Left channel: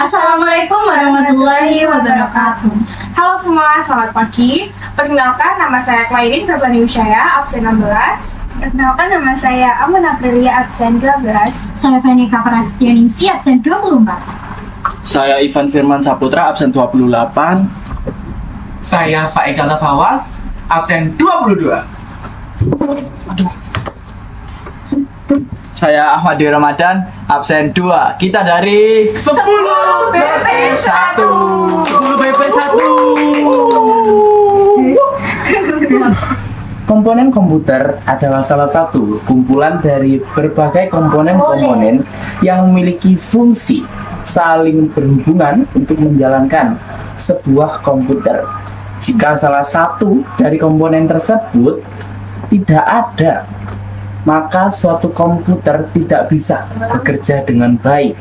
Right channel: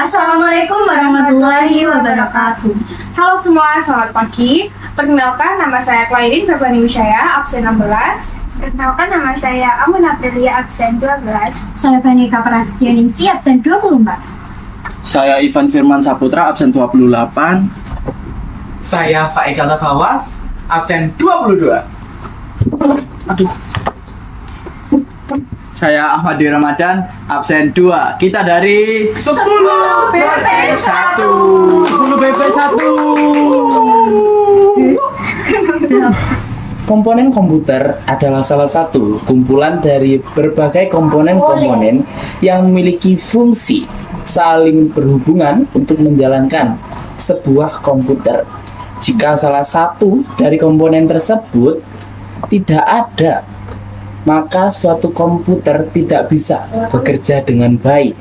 Assalamualaikum warahmatullahi wabarakatuh. Halo semua, selamat pagi. Perkenalkan, nama saya Klaidin Febrani Wisaya, absen 16. Perkenalkan, nama saya Amun Aprilia, absen 12. Saya Venika Prasetyaningsi, absen 24. Saya Ivan Firman Saputra, absen 28. Saya Faikal Fawas, absen 22. Saya Ahmadi Ramadan, absen 2. Kita dari 10 BP 1. 10 BP 1. Komponen komputer adalah salah satu kumpulan dari berbagai komponen-komponen yang memiliki fungsi saling berhubungan untuk menjalankan sebuah komputer. Jika salah satu dari komponen tersebut tidak ada, maka suatu komputer tidak bisa bekerja dengan baik.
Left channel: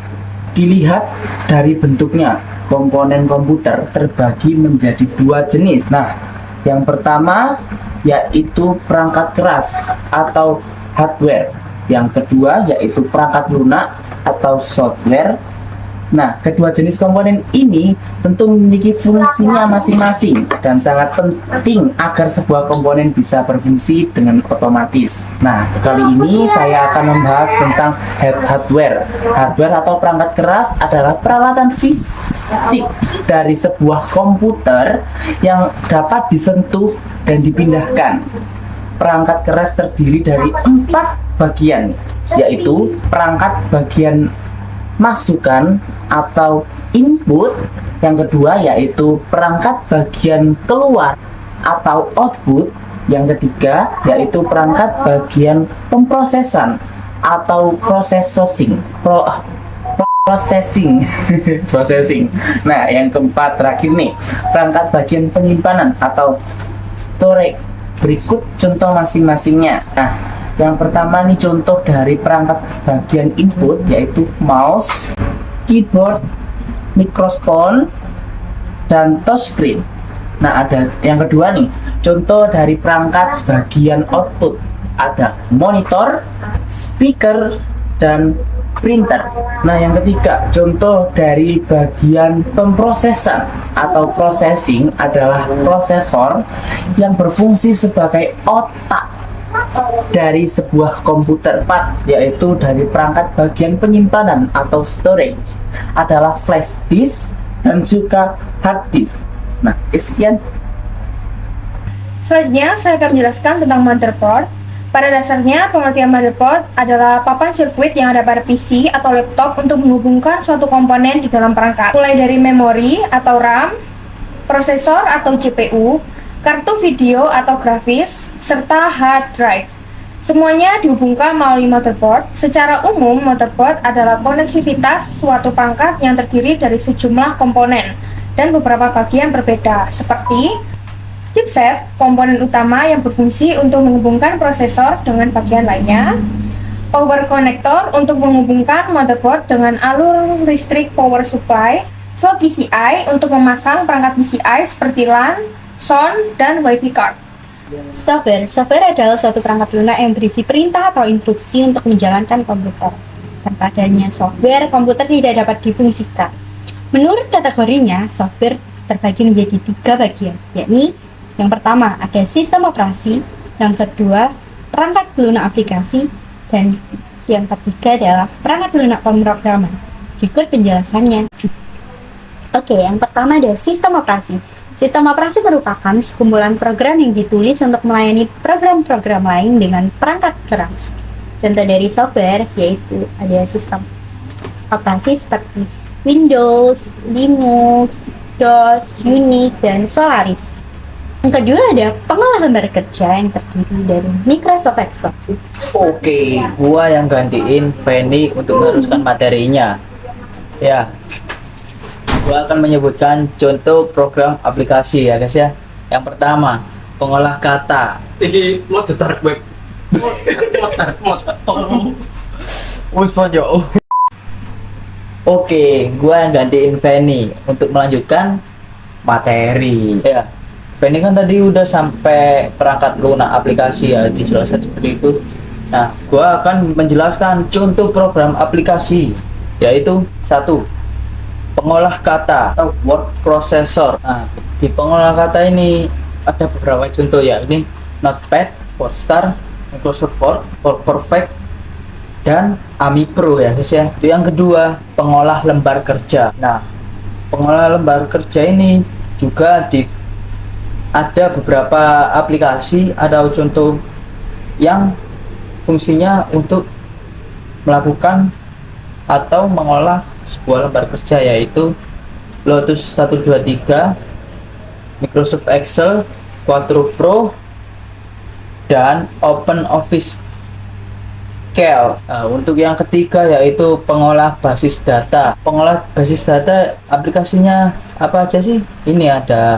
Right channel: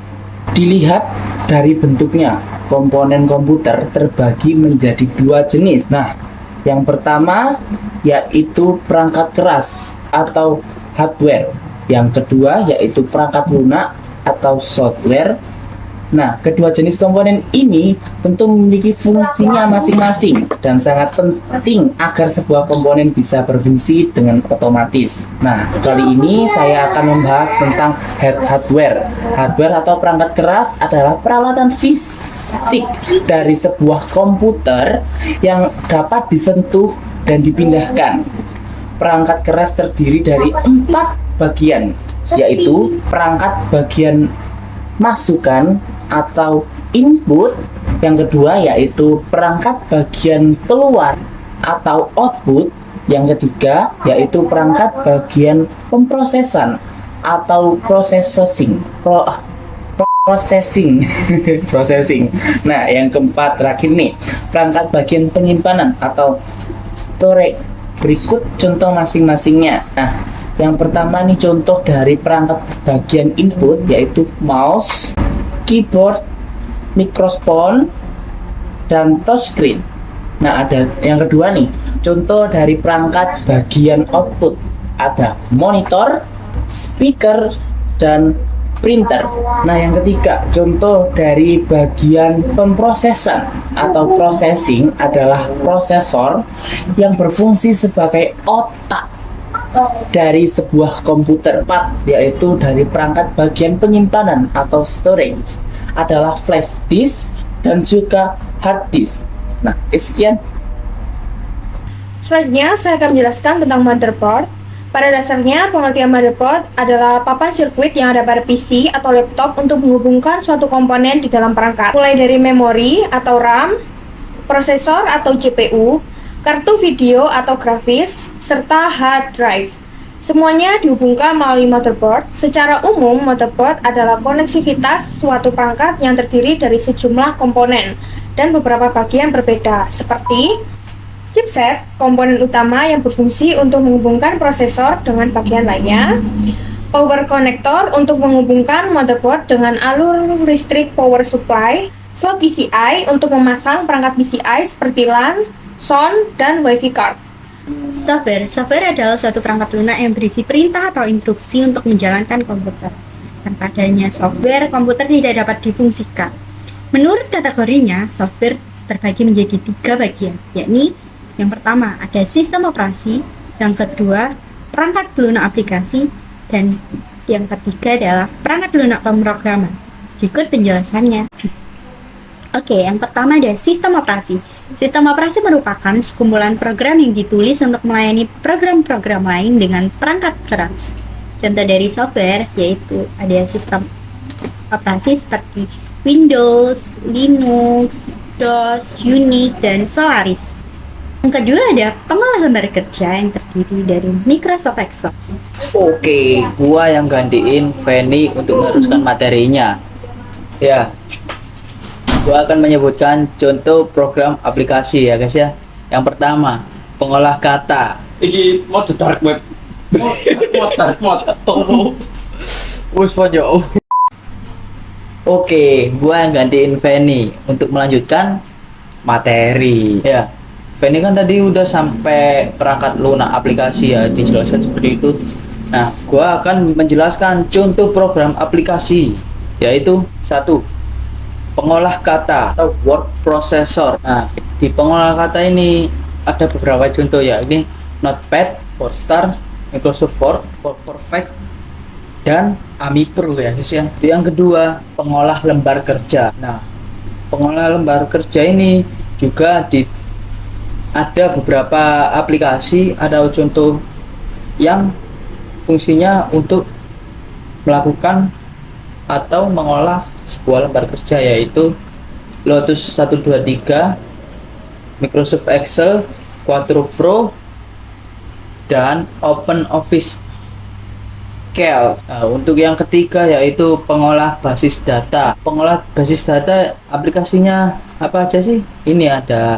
Dilihat dari bentuknya, komponen komputer terbagi menjadi dua jenis. Nah, yang pertama yaitu perangkat keras atau hardware. Yang kedua yaitu perangkat lunak atau software. Nah, kedua jenis komponen ini tentu memiliki fungsinya masing-masing dan sangat penting agar sebuah komponen bisa berfungsi dengan otomatis. Nah, kali ini saya akan membahas tentang hardware. Hardware atau perangkat keras adalah peralatan fisik dari sebuah komputer yang dapat disentuh dan dipindahkan. Perangkat keras terdiri dari 4 bagian, yaitu perangkat bagian masukan atau input, yang kedua yaitu perangkat bagian keluar atau output, yang ketiga yaitu perangkat bagian pemrosesan atau processing. Nah, yang keempat terakhir nih, perangkat bagian penyimpanan atau storage. Berikut contoh masing-masingnya. Nah, yang pertama nih contoh dari perangkat bagian input yaitu mouse, keyboard, microphone, dan touchscreen. Nah, ada yang kedua nih, contoh dari perangkat bagian output. Ada monitor, speaker, dan printer. Nah, yang ketiga, contoh dari bagian pemrosesan atau processing adalah prosesor yang berfungsi sebagai otak dari sebuah komputer. 4, yaitu dari perangkat bagian penyimpanan atau storage adalah flash disk dan juga hard disk. Nah, sekian. Selanjutnya, saya akan menjelaskan tentang motherboard. Pada dasarnya, pengertian motherboard adalah papan sirkuit yang ada pada PC atau laptop untuk menghubungkan suatu komponen di dalam perangkat, mulai dari memori atau RAM, prosesor atau CPU, kartu video atau grafis, serta hard drive. Semuanya dihubungkan melalui motherboard. Secara umum, motherboard adalah koneksivitas suatu perangkat yang terdiri dari sejumlah komponen dan beberapa bagian berbeda, seperti chipset, komponen utama yang berfungsi untuk menghubungkan prosesor dengan bagian lainnya, power connector untuk menghubungkan motherboard dengan alur listrik power supply, slot PCI untuk memasang perangkat PCI seperti LAN, sound, dan WiFi card. Software adalah suatu perangkat lunak yang berisi perintah atau instruksi untuk menjalankan komputer. Tanpa adanya software, komputer tidak dapat difungsikan. Menurut kategorinya, software terbagi menjadi 3 bagian, yakni yang pertama ada sistem operasi, yang kedua perangkat lunak aplikasi, dan yang ketiga adalah perangkat lunak pemrograman. Berikut penjelasannya. Oke, yang pertama ada sistem operasi. Sistem operasi merupakan sekumpulan program yang ditulis untuk melayani program-program lain dengan perangkat keras. Contoh dari software yaitu ada sistem operasi seperti Windows, Linux, DOS, Unix, dan Solaris. Yang kedua ada pengolah lembar kerja yang terdiri dari Microsoft Excel. Oke, gua yang gantiin Feni untuk meneruskan materinya. Ya, gua akan menyebutkan contoh program aplikasi ya guys ya. Yang pertama, pengolah kata. Iki mau dark web. Wes pojok. Oke, gua yang gantiin Feni untuk melanjutkan materi. Ya, Feni kan tadi udah sampai perangkat lunak aplikasi ya, dijelaskan seperti itu. Nah, gua akan menjelaskan contoh program aplikasi, yaitu 1. pengolah kata atau word processor. Nah, di pengolah kata ini ada beberapa contoh ya. Ini Notepad, WordStar, Microsoft Word, WordPerfect, dan Ami Pro ya guys ya. Yang kedua, pengolah lembar kerja. Nah, pengolah lembar kerja ini juga ada beberapa aplikasi atau contoh yang fungsinya untuk melakukan atau mengolah sebuah lembar kerja, yaitu Lotus 123, Microsoft Excel, Quadro Pro, dan OpenOffice Calc. Nah, untuk yang ketiga yaitu pengolah basis data. Pengolah basis data aplikasinya apa aja sih? Ini ada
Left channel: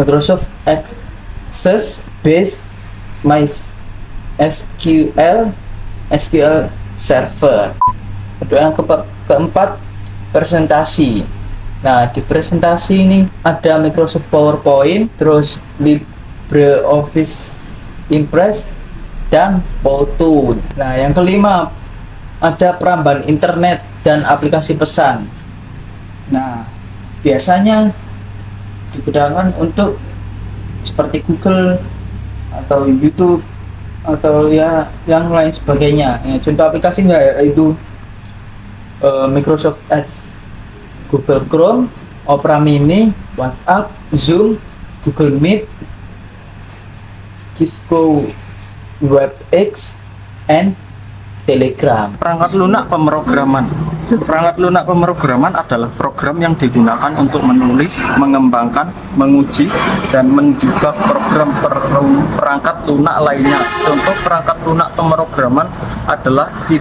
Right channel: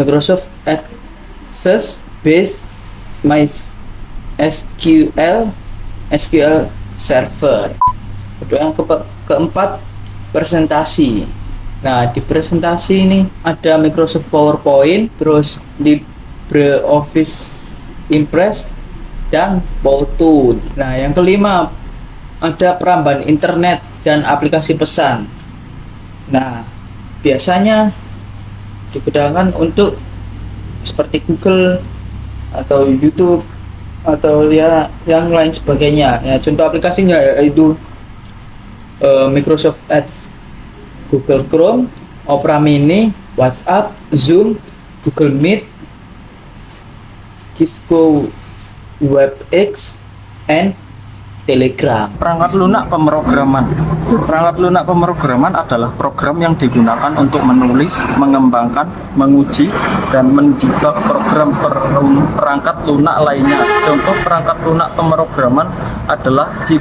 Microsoft Access, Base, MySQL, SQL Server. Yang keempat, presentasi. Nah, di presentasi ini ada Microsoft PowerPoint, terus LibreOffice Impress, dan Powtoon. Nah, yang kelima ada perambahan internet dan aplikasi pesan. Nah, biasanya digunakan untuk seperti Google atau YouTube atau ya yang lain sebagainya. Nah, contoh aplikasinya yaitu Microsoft Edge, Google Chrome, Opera Mini, WhatsApp, Zoom, Google Meet, Cisco WebEx, and Telegram. Perangkat lunak pemrograman. Perangkat lunak pemrograman adalah program yang digunakan untuk menulis, mengembangkan, menguji, dan mendebug program perangkat lunak lainnya. Contoh perangkat lunak pemrograman adalah C++,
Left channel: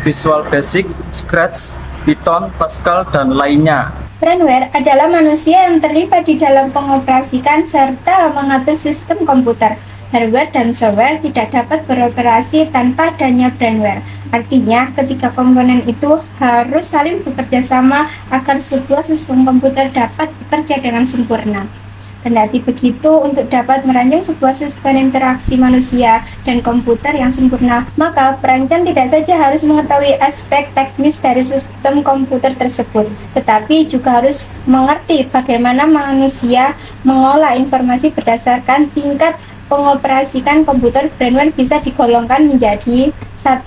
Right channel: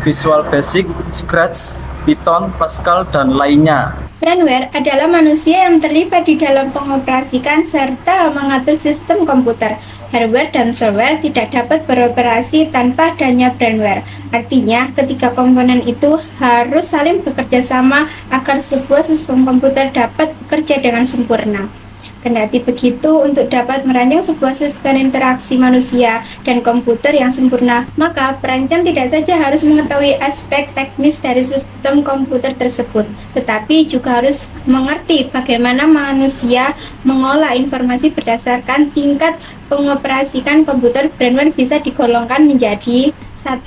Visual Basic, Scratch, Python, Pascal, dan lainnya. Brainware adalah manusia yang terlibat di dalam mengoperasikan serta mengatur sistem komputer. Hardware dan software tidak dapat beroperasi tanpa adanya brainware. Artinya, ketiga komponen itu harus saling bekerja sama agar sebuah sistem komputer dapat bekerja dengan sempurna. Kendati begitu, untuk dapat merancang sebuah sistem interaksi manusia dan komputer yang sempurna, maka perancang tidak saja harus mengetahui aspek teknis dari sistem komputer tersebut, tetapi juga harus mengerti bagaimana manusia mengolah informasi berdasarkan tingkat pengoperasikan komputer. Brainware bisa digolongkan menjadi 1.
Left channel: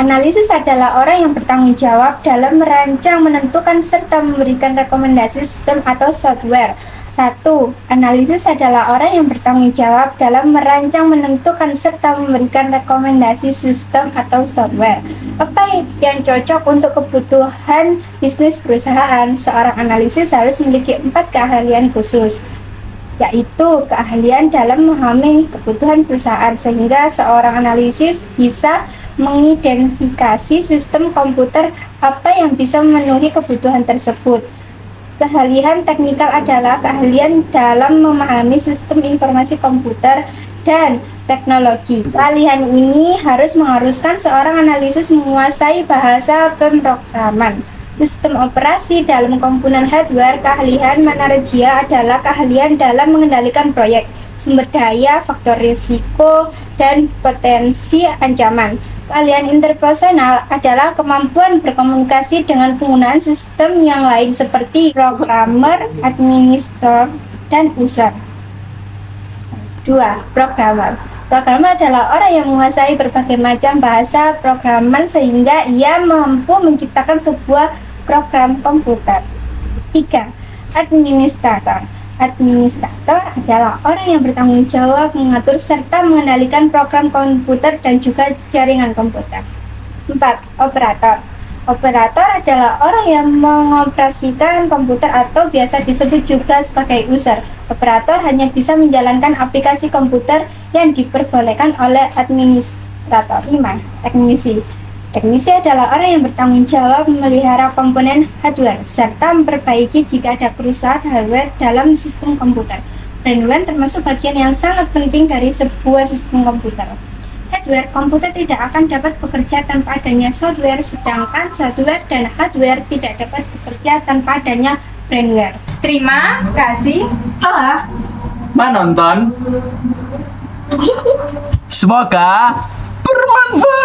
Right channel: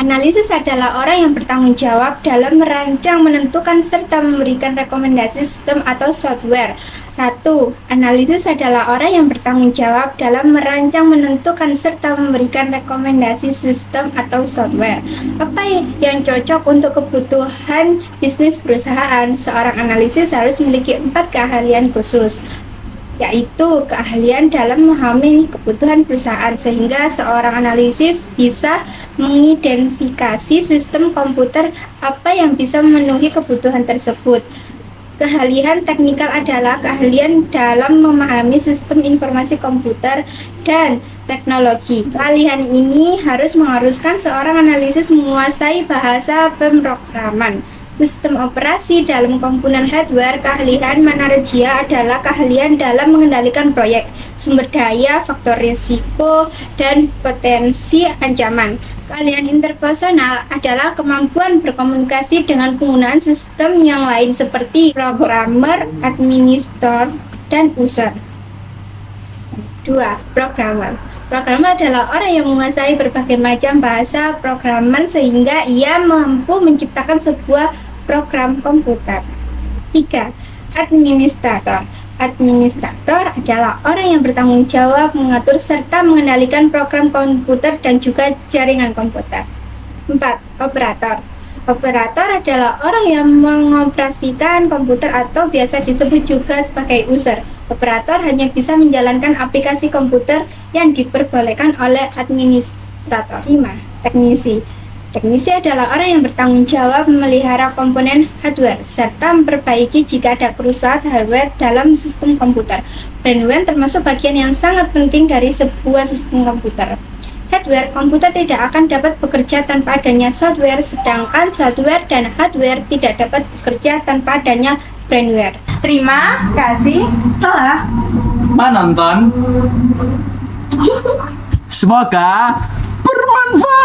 Analisis adalah orang yang bertanggung jawab dalam merancang, menentukan, serta memberikan rekomendasi sistem atau software. 1. Analisis adalah orang yang bertanggung jawab dalam merancang, menentukan, serta memberikan rekomendasi sistem atau software. Apa yang cocok untuk kebutuhan bisnis perusahaan? Seorang analisis harus memiliki 4 keahlian khusus, yaitu keahlian dalam memahami kebutuhan perusahaan, sehingga seorang analisis bisa mengidentifikasi sistem komputer apa yang bisa memenuhi kebutuhan tersebut. Keahlian teknikal adalah keahlian dalam memahami sistem informasi komputer dan teknologi. Keahlian ini mengharuskan seorang analisis menguasai bahasa pemrograman, sistem operasi dalam komponen hardware. Keahlian manajerial adalah keahlian dalam mengendalikan proyek, sumber daya, faktor risiko, dan potensi ancaman. Keahlian interpersonal adalah kemampuan berkomunikasi dengan penggunaan sistem yang lain seperti programmer, administrator, dan user. 2. Programmer. Programmer adalah orang yang menguasai berbagai macam bahasa programan sehingga ia mampu menciptakan sebuah program komputer. 3. Administrator. Administrator adalah orang yang bertanggung jawab mengatur serta mengendalikan program komputer dan juga jaringan komputer. 4. Operator. Operator adalah orang yang mengoperasikan komputer atau biasa disebut juga sebagai user. Operator hanya bisa menjalankan aplikasi komputer yang diperbolehkan oleh administrator. 5. Teknisi. Teknisi adalah orang yang bertanggung jawab memelihara komponen hardware serta memperbaiki jika ada kerusakan hardware dalam sistem komputer. Brainware termasuk bagian yang sangat penting dari sebuah sistem komputer. Hardware komputer tidak akan dapat bekerja tanpa adanya software, sedangkan software dan hardware tidak dapat bekerja tanpa adanya brainware. Terima kasih telah Menonton. Semoga bermanfaat.